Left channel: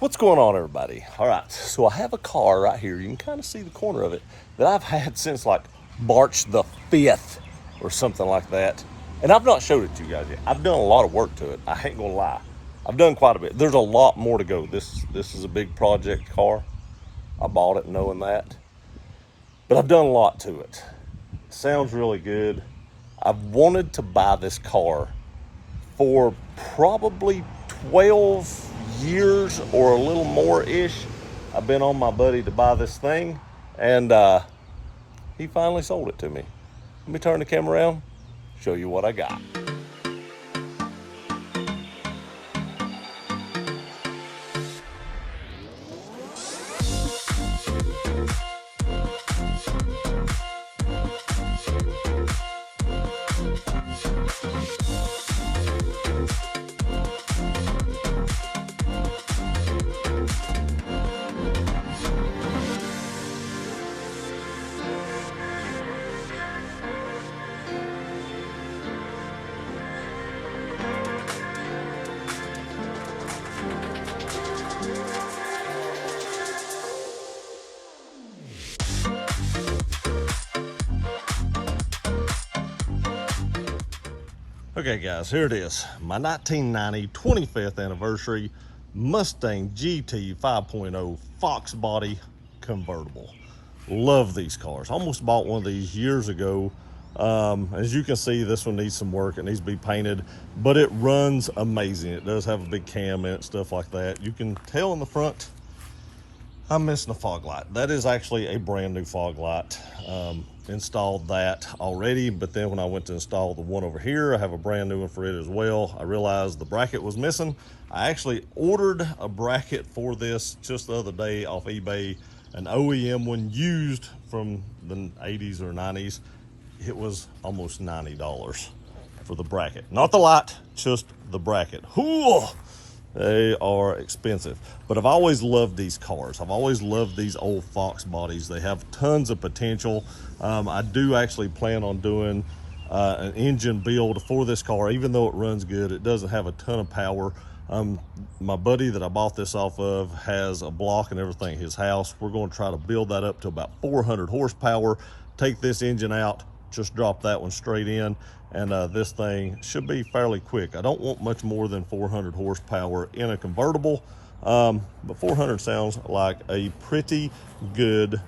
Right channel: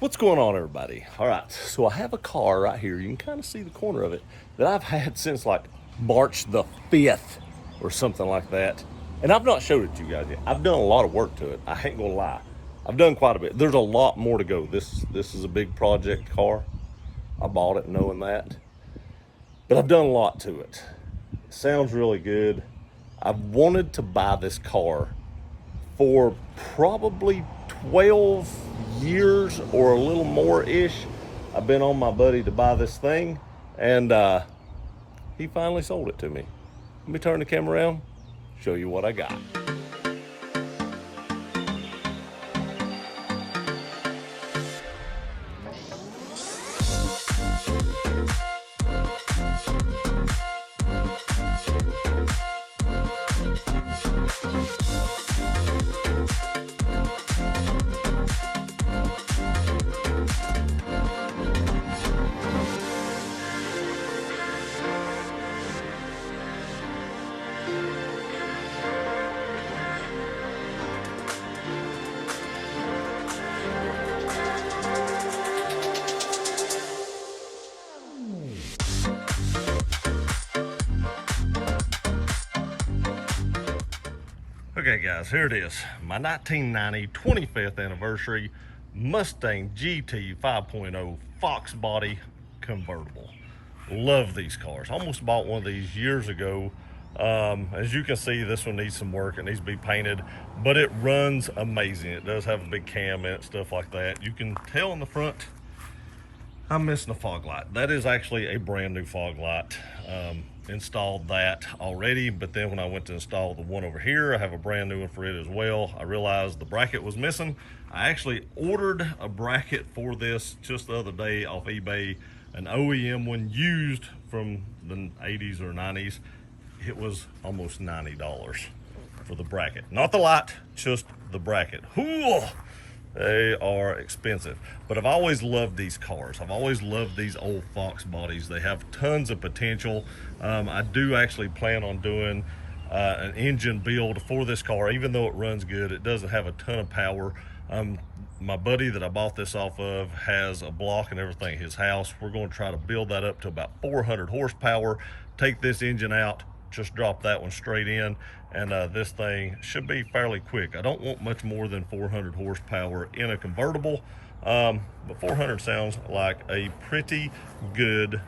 What's going on, everybody? All right, so I have a car right here. You can kind of see the corner of it that I've had since like March the 5th or something like that. And I've not showed it to you guys yet. I've done a lot of work to it. I ain't gonna lie. I've done quite a bit. There's a lot more to go. This is a big project car. I bought it knowing that. But I've done a lot to it. It sounds really good. I've wanted to buy this car for probably 12 years or a little more-ish. I've been on my buddy to buy this thing, and he finally sold it to me. Let me turn the camera around, show you what I got. Okay guys, here it is. My 1990 25th anniversary Mustang GT 5.0 Fox body convertible. Love these cars. Almost bought one of these years ago. As you can see, this one needs some work. It needs to be painted, but it runs amazing. It does have a big cam in it, stuff like that. You can tell in the front I'm missing a fog light. That is actually a brand new fog light. Installed that already, but then when I went to install the one over here, I have a brand new one for it as well. I realized the bracket was missing. I actually ordered a bracket for this just the other day off eBay, an OEM one used from the 80s or 90s. It was almost $90 for the bracket. Not the light, just the bracket. Ooh, they are expensive, but I've always loved these cars. I've always loved these old Fox bodies. They have tons of potential. I do actually plan on doing an engine build for this car. Even though it runs good, it doesn't have a ton of power. My buddy that I bought this off of has a block and everything at his house. We're going to try to build that up to about 400 horsepower, take this engine out, just drop that one straight in, and this thing should be fairly quick. I don't want much more than 400 horsepower in a convertible, but 400 sounds like a pretty good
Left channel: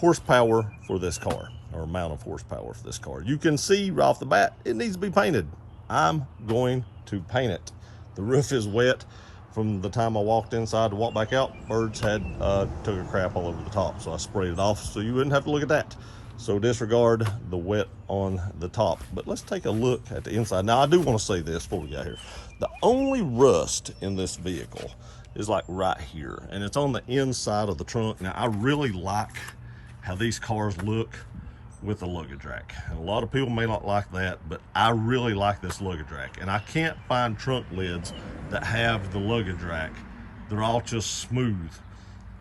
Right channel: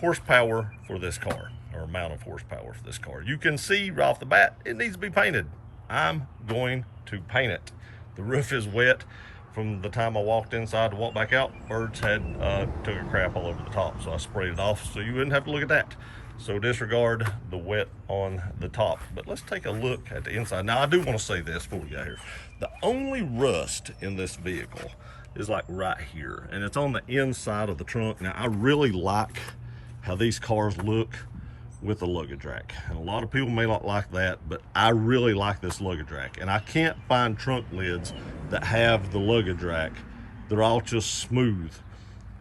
horsepower for this car, or amount of horsepower for this car. You can see right off the bat it needs to be painted. I'm going to paint it. The roof is wet from the time I walked inside to walk back out. Birds had took a crap all over the top, so I sprayed it off so you wouldn't have to look at that. So disregard the wet on the top. But let's take a look at the inside. Now I do want to say this before we get here. The only rust in this vehicle is like right here, and it's on the inside of the trunk. Now I really like how these cars look with the luggage rack, and a lot of people may not like that, but I really like this luggage rack, and I can't find trunk lids that have the luggage rack. They're all just smooth.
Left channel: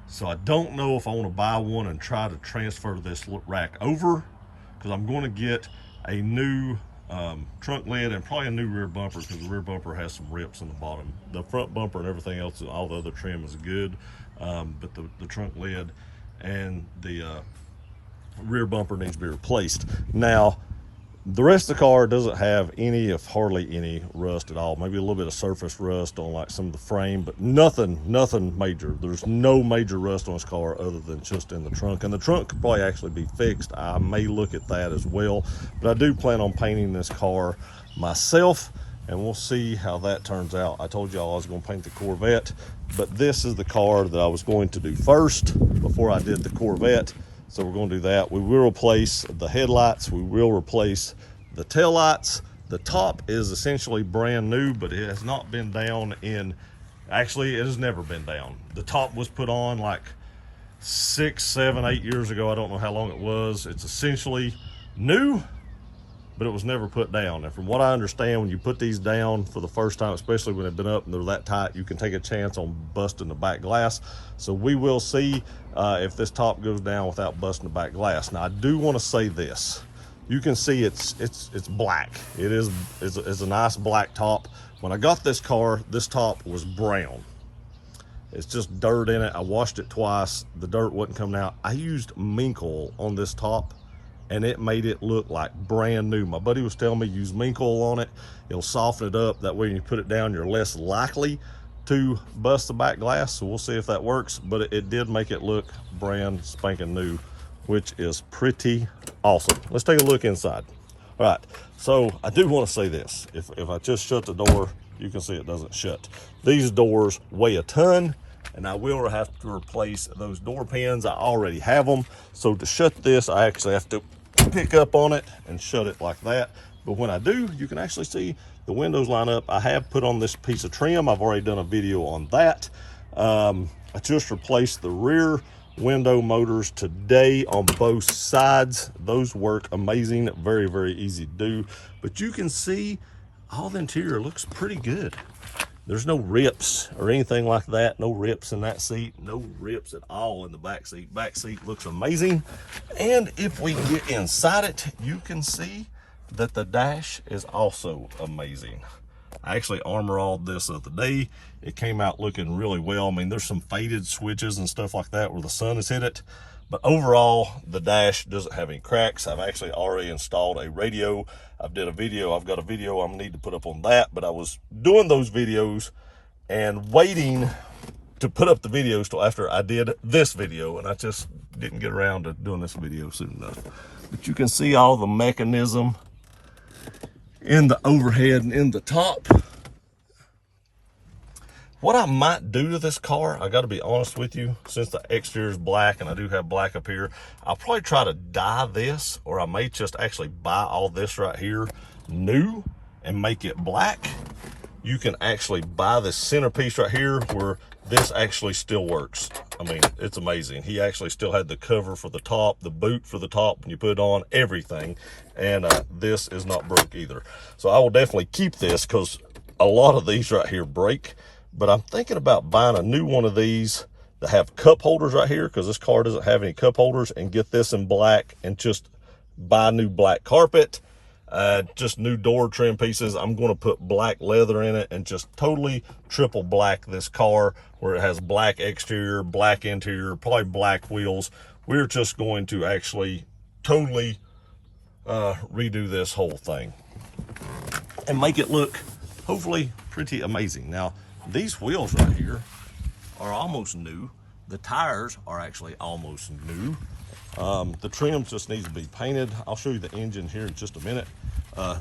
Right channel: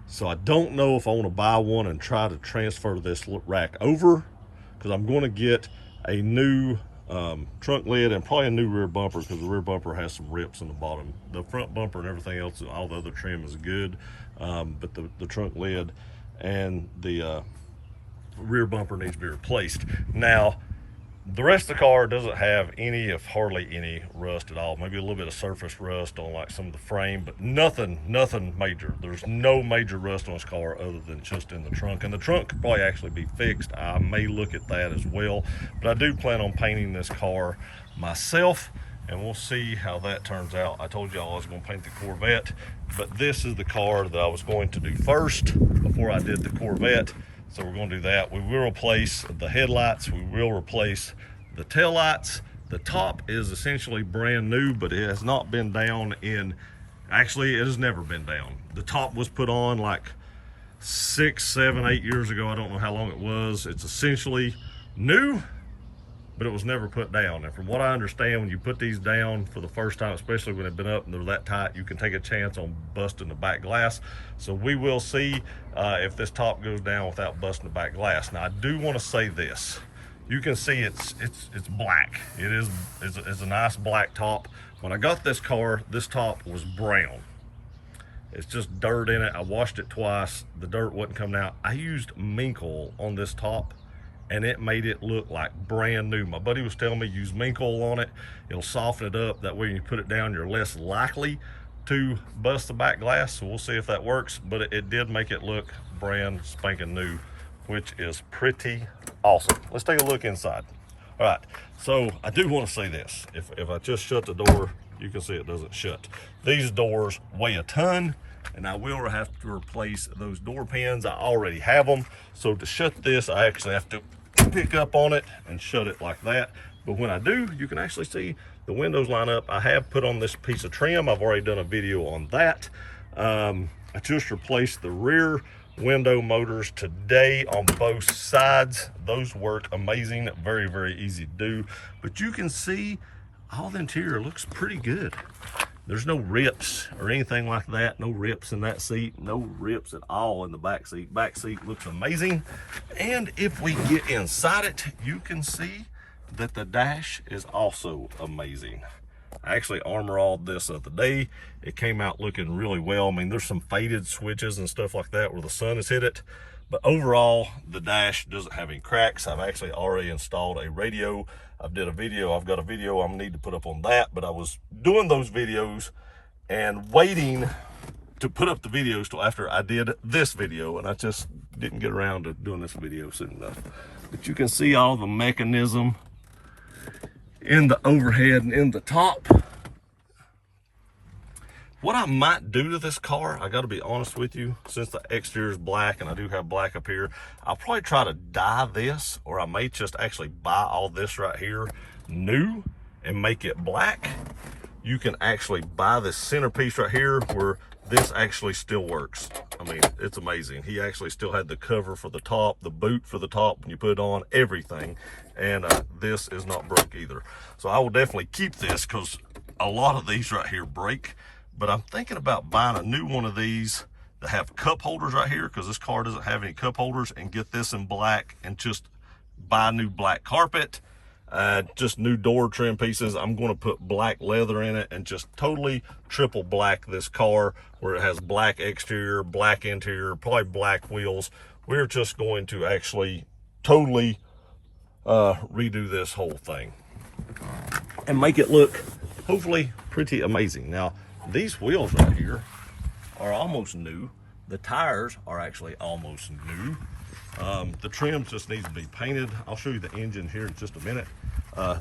So I don't know if I want to buy one and try to transfer this rack over, because I'm going to get a new trunk lid and probably a new rear bumper, because the rear bumper has some rips in the bottom. The front bumper and everything else, all the other trim is good, but the trunk lid and the rear bumper needs to be replaced. Now the rest of the car doesn't have any, if hardly any, rust at all. Maybe a little bit of surface rust on like some of the frame, but nothing major. There's no major rust on this car other than just in the trunk, and the trunk could probably actually be fixed. I may look at that as well, but I do plan on painting this car myself, and we'll see how that turns out. I told y'all I was going to paint the Corvette, but this is the car that I was going to do first before I did the Corvette. So we're going to do that. We will replace the headlights. We will replace the tail lights. The top is essentially brand new, but it has not been down in, actually it has never been down. The top was put on like 6, 7, 8 years ago. I don't know how long it was. It's essentially new, but it was never put down. And from what I understand, when you put these down for the first time, especially when they've been up and they're that tight, you can take a chance on busting the back glass. So we will see if this top goes down without busting the back glass. Now I do want to say this. You can see it's black. It's a nice black top, When I got this car, this top was brown. It's just dirt in it. I washed it twice. The dirt wasn't coming out. I used mink oil on this top and it made it look like brand new. My buddy was telling me use mink oil on it. It'll soften it up. That way when you put it down, you're less likely to bust the back glass. So we'll see if that works, but it did make it look brand spanking new, which is pretty awesome. Let's take a look inside. All right, so I do want to say this. If I just shut the door, you can see it doesn't shut. These doors weigh a ton, and I will have to replace those door pins. I already have them. So to shut this, I actually have to pick up on it and shut it like that. But when I do, you can actually see the windows line up. I have put on this piece of trim. I've already done a video on that. I just replaced the rear window motors today on both sides. Those work amazing. Very, very easy to do. But you can see all the interior looks pretty good. There's no rips or anything like that. No rips in that seat. No rips at all in the back seat. Back seat looks amazing. And if we get inside it, you can see that the dash is also amazing. I actually armor-alled this the other day. It came out looking really well. I mean, there's some faded switches and stuff like that where the sun has hit it. But overall, the dash doesn't have any cracks. I've actually already installed a radio. I've got a video I'm gonna need to put up on that, but I was doing those videos and waiting to put up the videos till after I did this video, and I just didn't get around to doing this video soon enough. But you can see all the mechanism in the overhead and in the top. What I might do to this car, I gotta be honest with you, since the exterior is black and I do have black up here, I'll probably try to dye this, or I may just actually buy all this right here new and make it black. You can actually buy this centerpiece right here where this actually still works. I mean, it's amazing. He actually still had the cover for the top, the boot for the top when you put it on, everything. And this is not broke either. So I will definitely keep this because a lot of these right here break. But I'm thinking about buying a new one of these that have cup holders right here, because this car doesn't have any cup holders, and get this in black and just buy new black carpet, just new door trim pieces. I'm going to put black leather in it and just totally triple black this car, where it has black exterior, black interior, probably black wheels. We're just going to actually totally redo this whole thing and make it look hopefully pretty amazing. Now, these wheels right here are almost new. The tires are actually almost new. The trim just needs to be painted. I'll show you the engine here in just a minute.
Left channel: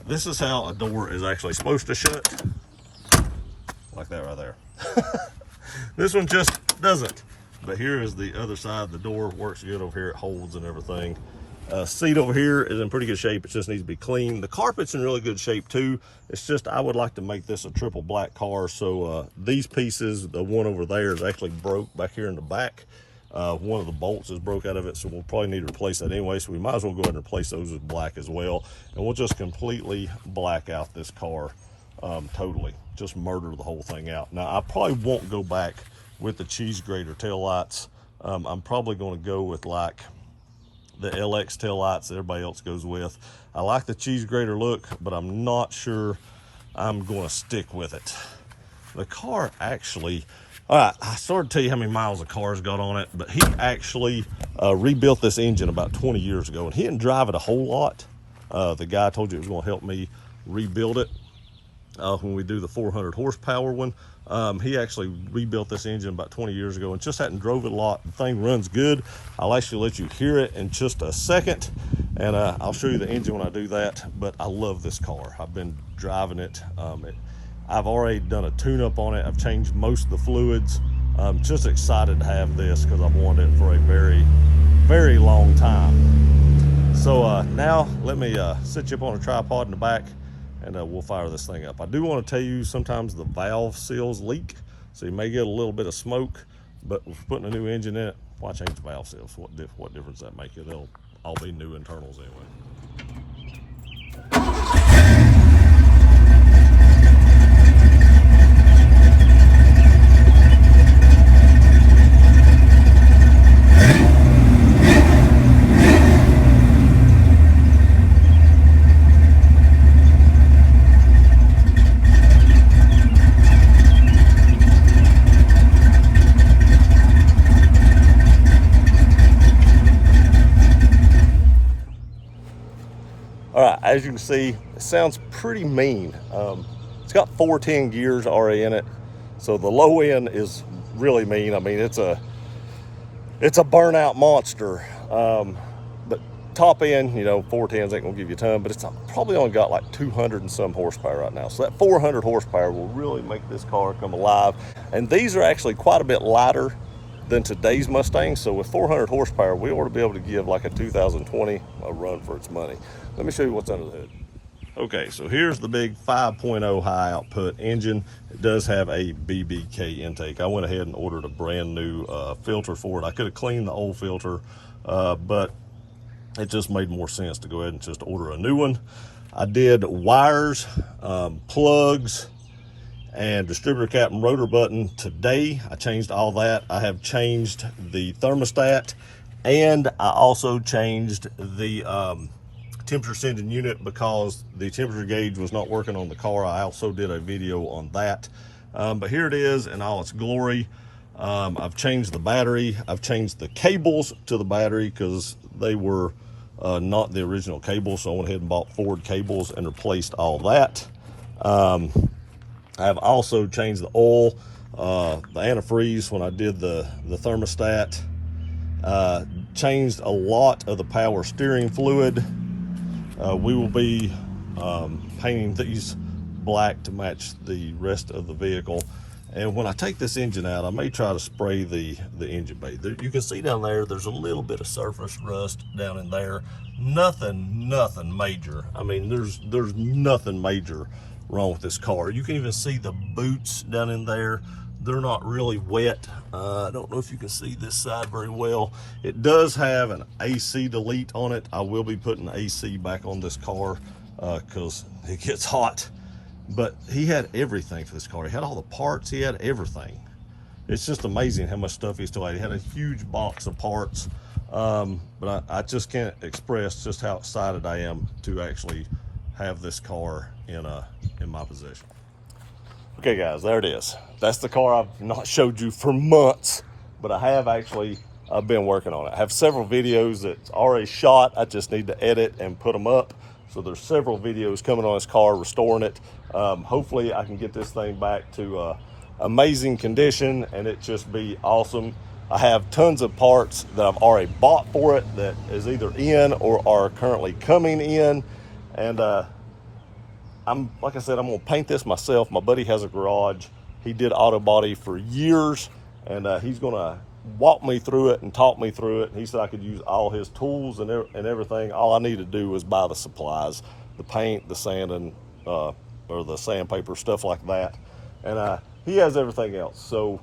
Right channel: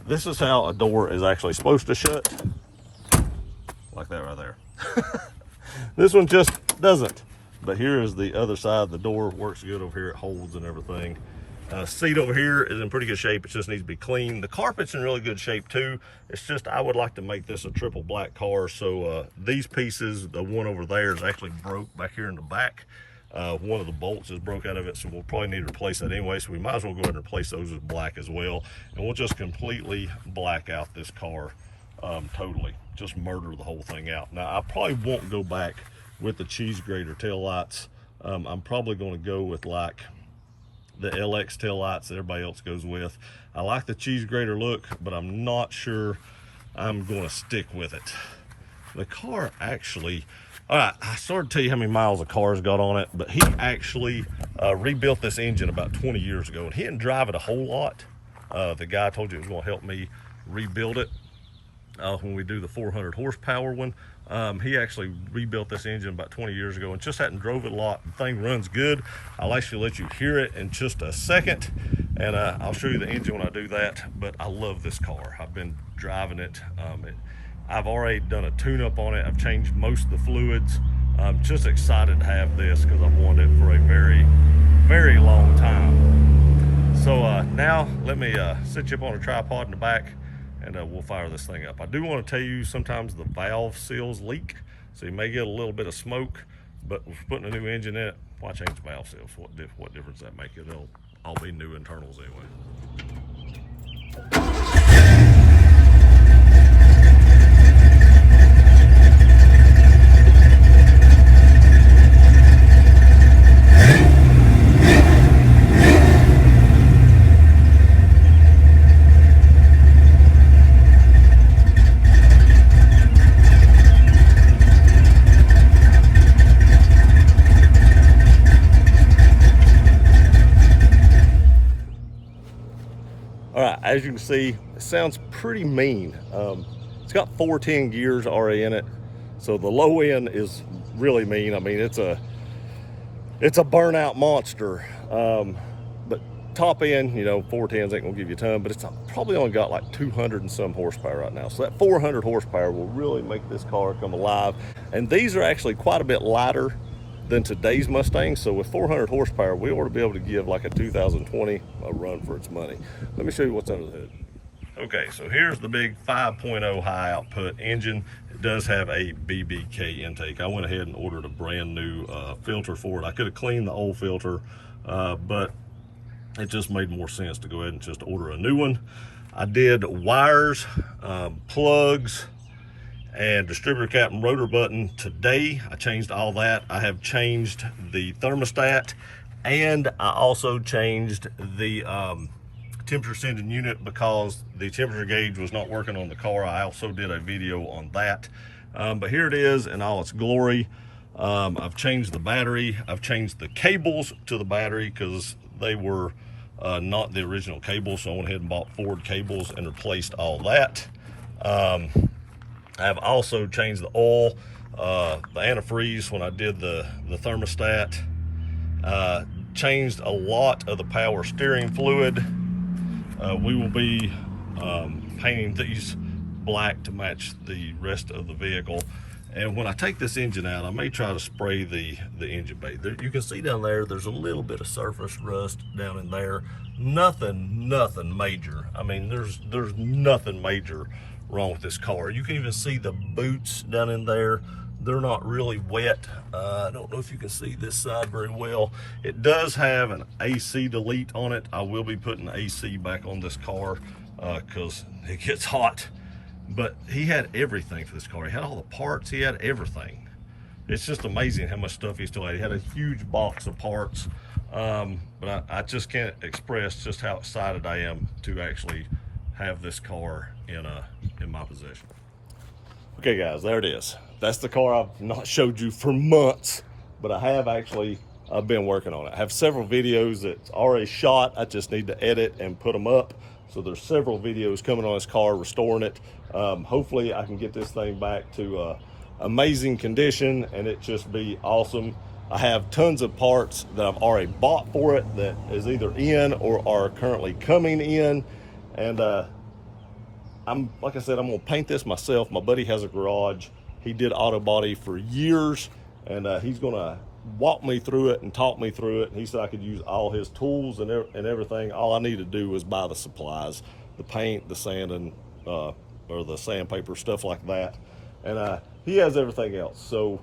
This is how a door is actually supposed to shut. Like that right there. This one just doesn't. But here is the other side. The door works good over here. It holds and everything. Seat over here is in pretty good shape. It just needs to be clean. The carpet's in really good shape too. It's just I would like to make this a triple black car. So these pieces, the one over there is actually broke back here in the back. One of the bolts is broke out of it, so we'll probably need to replace that anyway. So we might as well go ahead and replace those with black as well. And we'll just completely black out this car totally. Just murder the whole thing out. Now, I probably won't go back with the cheese grater taillights. I'm probably going to go with like the LX taillights that everybody else goes with. I like the cheese grater look, but I'm not sure I'm going to stick with it. The car actually, all right, I started to tell you how many miles the car's got on it, but he actually rebuilt this engine about 20 years ago, and he didn't drive it a whole lot. The guy I told you was going to help me rebuild it when we do the 400 horsepower one. He actually rebuilt this engine about 20 years ago and just hadn't drove it a lot. The thing runs good. I'll actually let you hear it in just a second, and I'll show you the engine when I do that. But I love this car. I've been driving it. I've already done a tune-up on it. I've changed most of the fluids. I'm just excited to have this because I've wanted it for a very, very long time. So now let me set you up on a tripod in the back, and we'll fire this thing up. I do want to tell you sometimes the valve seals leak, so you may get a little bit of smoke, but with putting a new engine in it, why change the valve seals? What difference does that make? It'll all be new internals anyway. as you can see, it sounds pretty mean. It's got 410 gears already in it, so the low end is really mean. I mean, it's a burnout monster. But top end, you know, 410s ain't gonna give you a ton, but it's probably only got like 200 and some horsepower right now. So that 400 horsepower will really make this car come alive. And these are actually quite a bit lighter than today's Mustang. So with 400 horsepower, we ought to be able to give like a 2020 a run for its money. Let me show you what's under the hood. Okay, so here's the big 5.0 high output engine. It does have a BBK intake. I went ahead and ordered a brand new filter for it. I could have cleaned the old filter, but it just made more sense to go ahead and just order a new one. I did wires, plugs, and distributor cap and rotor button today. I changed all that. I have changed the thermostat, and I also changed the temperature sending unit because the temperature gauge was not working on the car. I also did a video on that. But here it is in all its glory. I've changed the battery. I've changed the cables to the battery because they were not the original cables. So I went ahead and bought Ford cables and replaced all that. I've also changed the oil, the antifreeze when I did the thermostat. Changed a lot of the power steering fluid. We will be painting these black to match the rest of the vehicle. And when I take this engine out, I may try to spray the engine bay. You can see down there, there's a little bit of surface rust down in there. Nothing major. I mean, there's nothing major wrong with this car. You can even see the boots down in there. They're not really wet. I don't know if you can see this side very well. It does have an AC delete on it. I will be putting AC back on this car because it gets hot. But he had everything for this car. He had all the parts, he had everything. It's just amazing how much stuff he still had. He had a huge box of parts. But I just can't express just how excited I am to actually have this car in my possession. Okay guys, there it is. That's the car I've not showed you for months, but I have actually been working on it. I have several videos that's already shot. I just need to edit and put them up. So there's several videos coming on this car, restoring it. Hopefully I can get this thing back to amazing condition and it just be awesome. I have tons of parts that I've already bought for it that is either in or are currently coming in. And like I said, I'm gonna paint this myself. My buddy has a garage. He did auto body for years, and he's gonna walk me through it and talk me through it. And he said I could use all his tools and everything. All I need to do is buy the supplies, the paint, the sanding, or the sandpaper, stuff like that. And he has everything else. So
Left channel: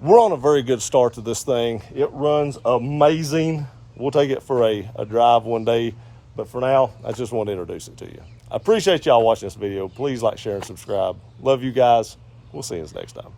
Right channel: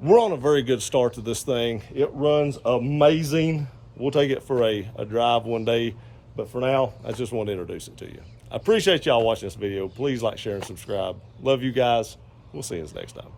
we're on a very good start to this thing. It runs amazing. We'll take it for a drive one day. But for now, I just want to introduce it to you. I appreciate y'all watching this video. Please like, share, and subscribe. Love you guys. We'll see you next time.